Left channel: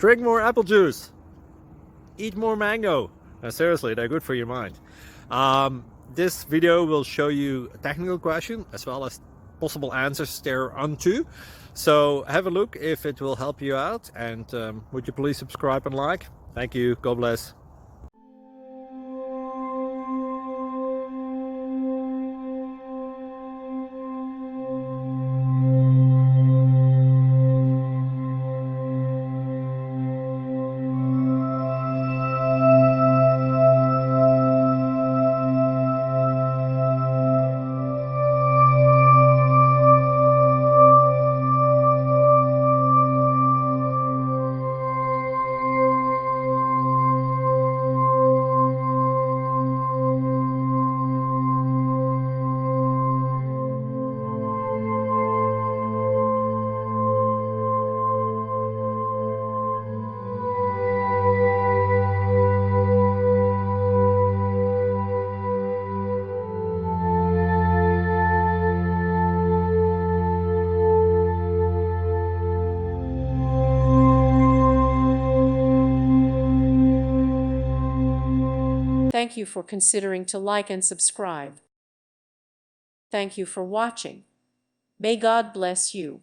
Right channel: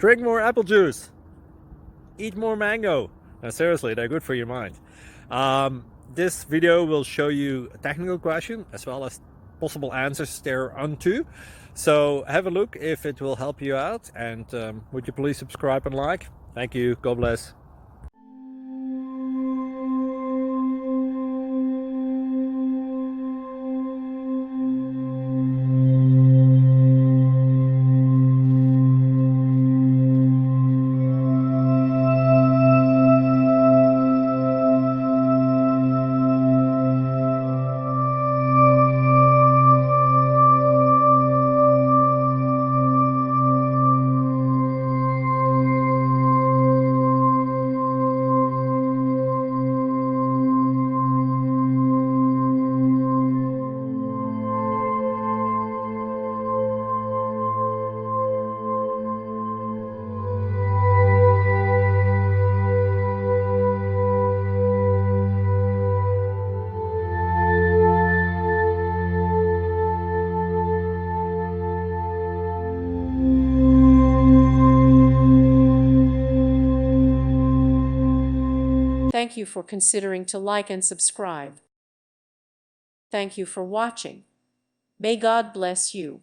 Drink more apple juice. Eat more mango. Now, seriously, they're good for your mind. This video will show you a technical question as well as possible answers thereunto. So have a look if it will help you out, and would you please subscribe and like? Thank you. God bless. Thank you for considering to like and subscribe. Thank you for watching. May God bless you.